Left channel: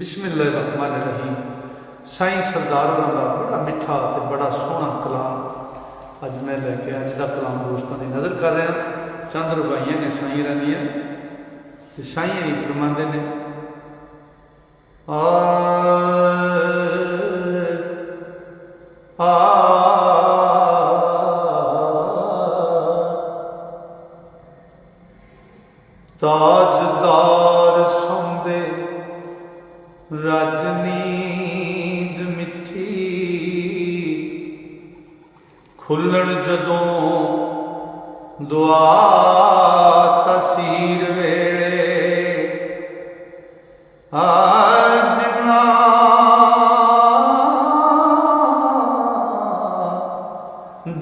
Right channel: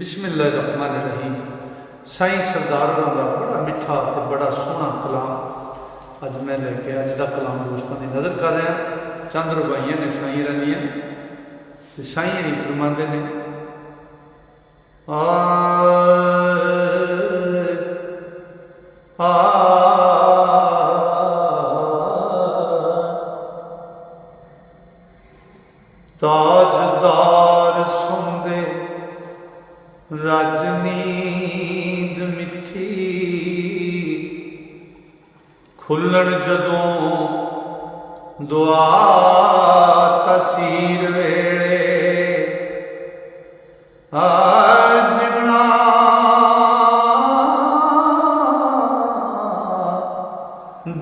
बिस्मिल्लाहिर्रहमानिर्रहीम। साईं सरदार होरां दा बड़ा मिठा ते बड़ा सोहना कलाम अज मैं लैके अज का कलाम दोस्तों की नज़र कर रहा। चंद रुबाइयां ने साईं रंदियां ते साईं ही फरमांदे ने ताजदार सौंदे रज नींद मिठी खुलण जदों दुआ तसीर वेले जिना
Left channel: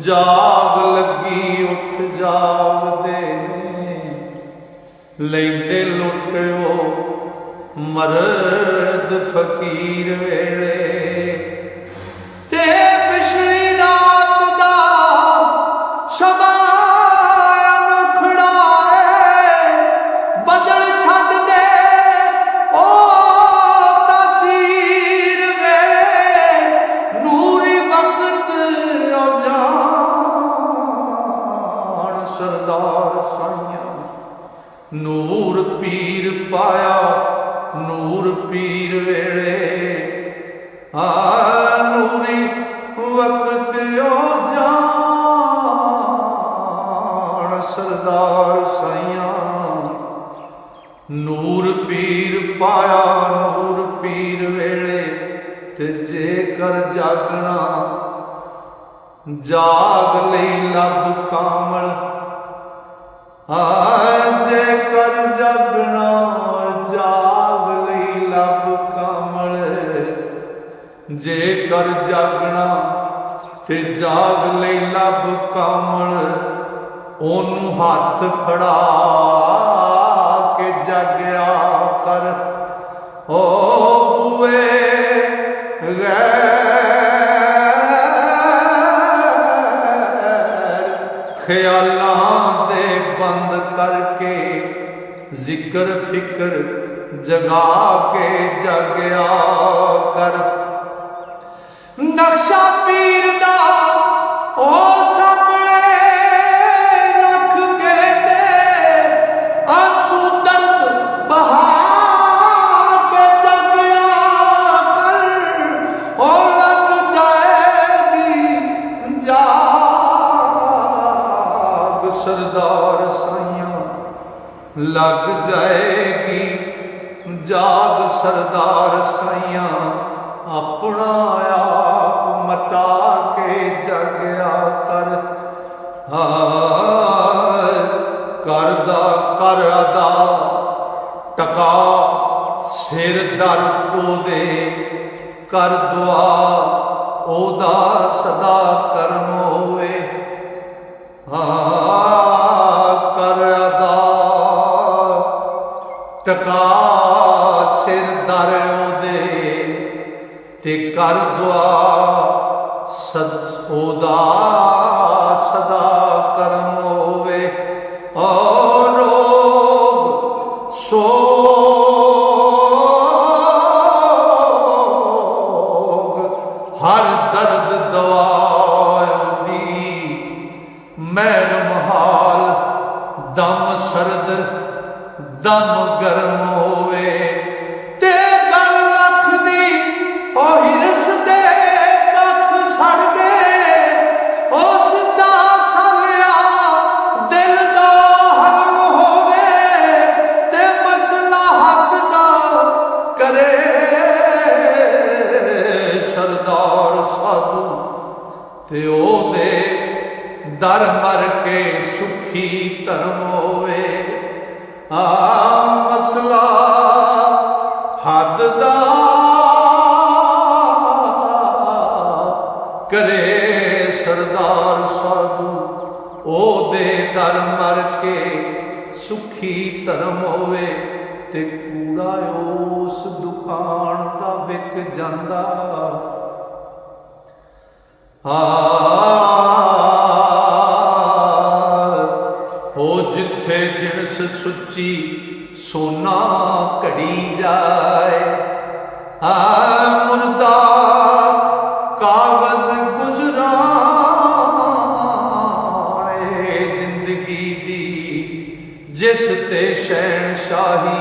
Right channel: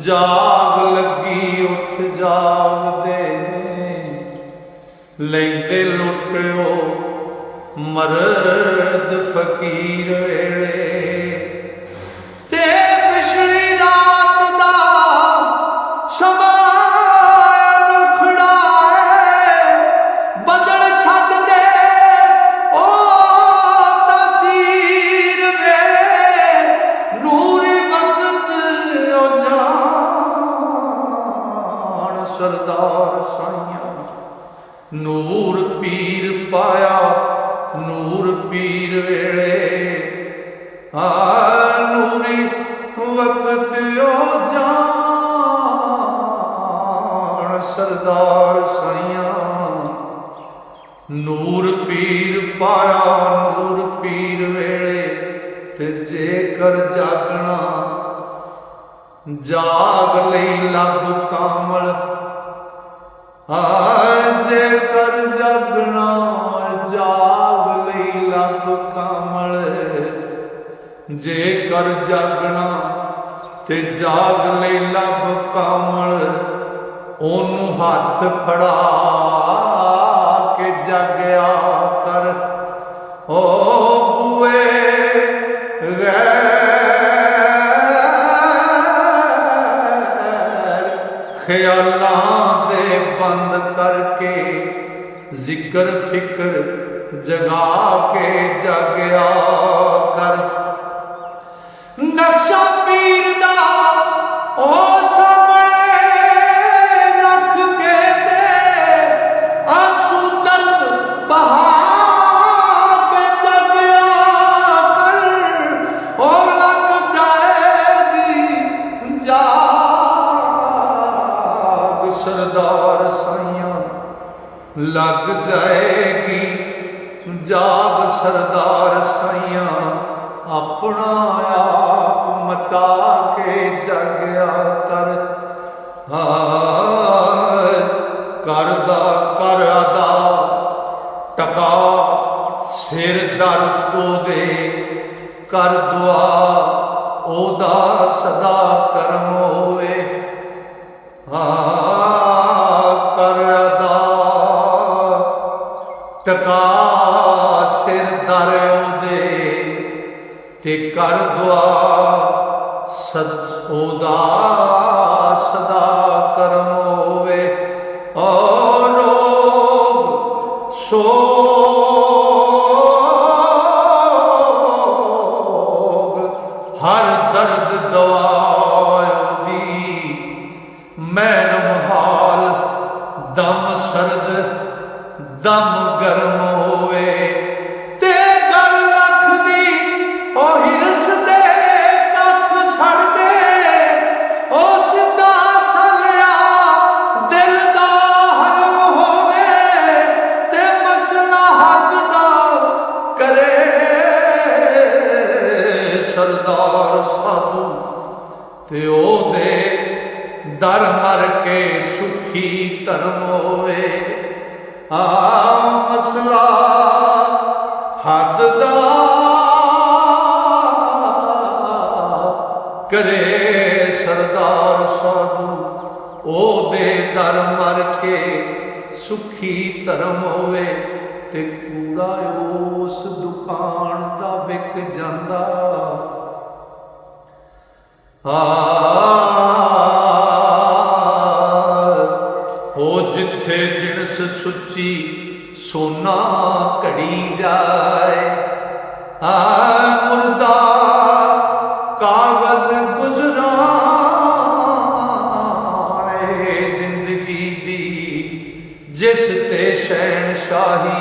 जाग लगी उठ जागदे लैंदे लुटो मर्द फकीर वेले ते पिछली रात दा समाया खड़ाए बदल छड्ड दे ओ तासीर वे नूरी वक्त ओ जान सरदार साइयां नूर पीर पाया नूर पीर वेले नूरी वक्त ओ जान सरदार साइयां नूर पीर पाया नूर पीर वेले ते जेकर जागना जाग लई लब कामल जेकर जागना जाग लई लब कामल जेकर जागना ते जाग लई लब कामल ओनू हाथ फड़ा के जागया कर ओ बुए गैर ख्यालां दे बंद करके जिक्र फिक्र जगा के जागया कर नक्शा पीर दा ओ सामने रख के दे आंसू दर्द बहा के जागया कर ओ लग जाएगी जाग सरदार साइयां लग जाएगी जाग सरदार साइयां अपना आप मटा के जागया कर करदा कर अदा टका सिर दर तो दे कर दुआ ओदा सदा करम होवे कर अदा टका सिर दर ओदे ते कर दुआ ओदा सदा करम होवे और रोग सोग हर दर्द दवा दी मैनम हाल दम सर्द दम गर्म होवे ते गल लख दी ओ हिरस दे कख सड़ दे ओ सिद्धा सलिया दिल दा हरम होवे ते मसला हक दा करे सरदार साधु ते ओ दे दर मर के सुखी धर्म होवे मसला हद दा करे सरदार साधु ओ दे दर मर के सुखी धर्म होवे ते कूड़ा उस दुकान दा विक जांदा हो जिथे जिनस सुची सोना घड़ी जाए मुर्दा कागज गुजराने जिंदगी दी जिस ते शहनशाही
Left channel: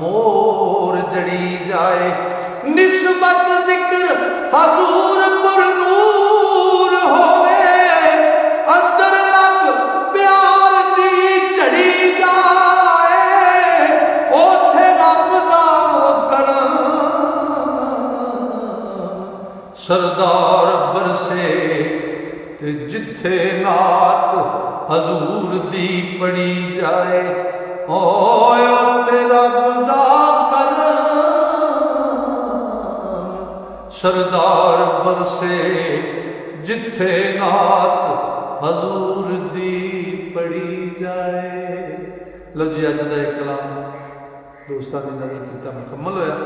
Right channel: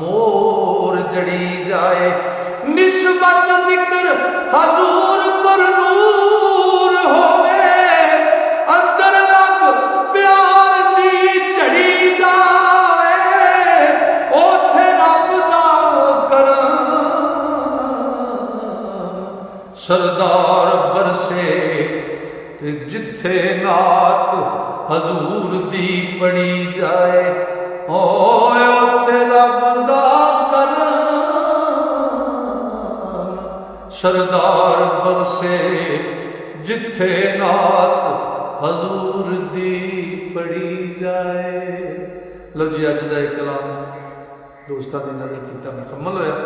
मोर जड़ी जाए निस्बत जिक्र हजूर पर नूर होवे अंदर लग प्यार दी चढ़ी जाए ओथे रब दा करम सरदार बरसे ते जिथे नात हजूर दी पड़ी जाए ओथे रब दा करम सरदार बरसे जिथे नात हजूर दी पड़ी जाए। लो जी अज का एक कलाम दोस्तों की नजर किया मुकम्मल होया।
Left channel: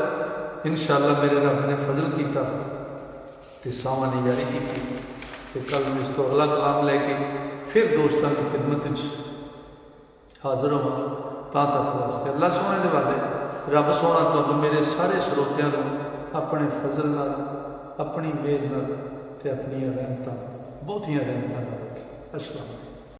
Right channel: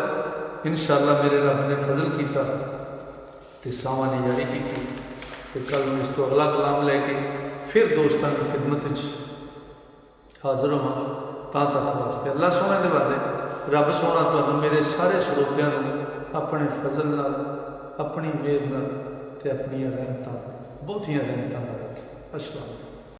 इंशाअल्लाह मेरे रब ने फजल किया तो सावां ने जारी की तो कल इस तो अगला कलाम लैके फिर दोस्तों की खिदमत हाजिर होवां। तां तक वास्ते अल्लाह सोने के वादे रब सोना तुहानूं मेरे सारे श्रोतियां नूं अपने फजल नाल अपनी मेहर नाल ते अपनी रहमतां बहुतियां रहमतां नाल रखे। अस्सलाम।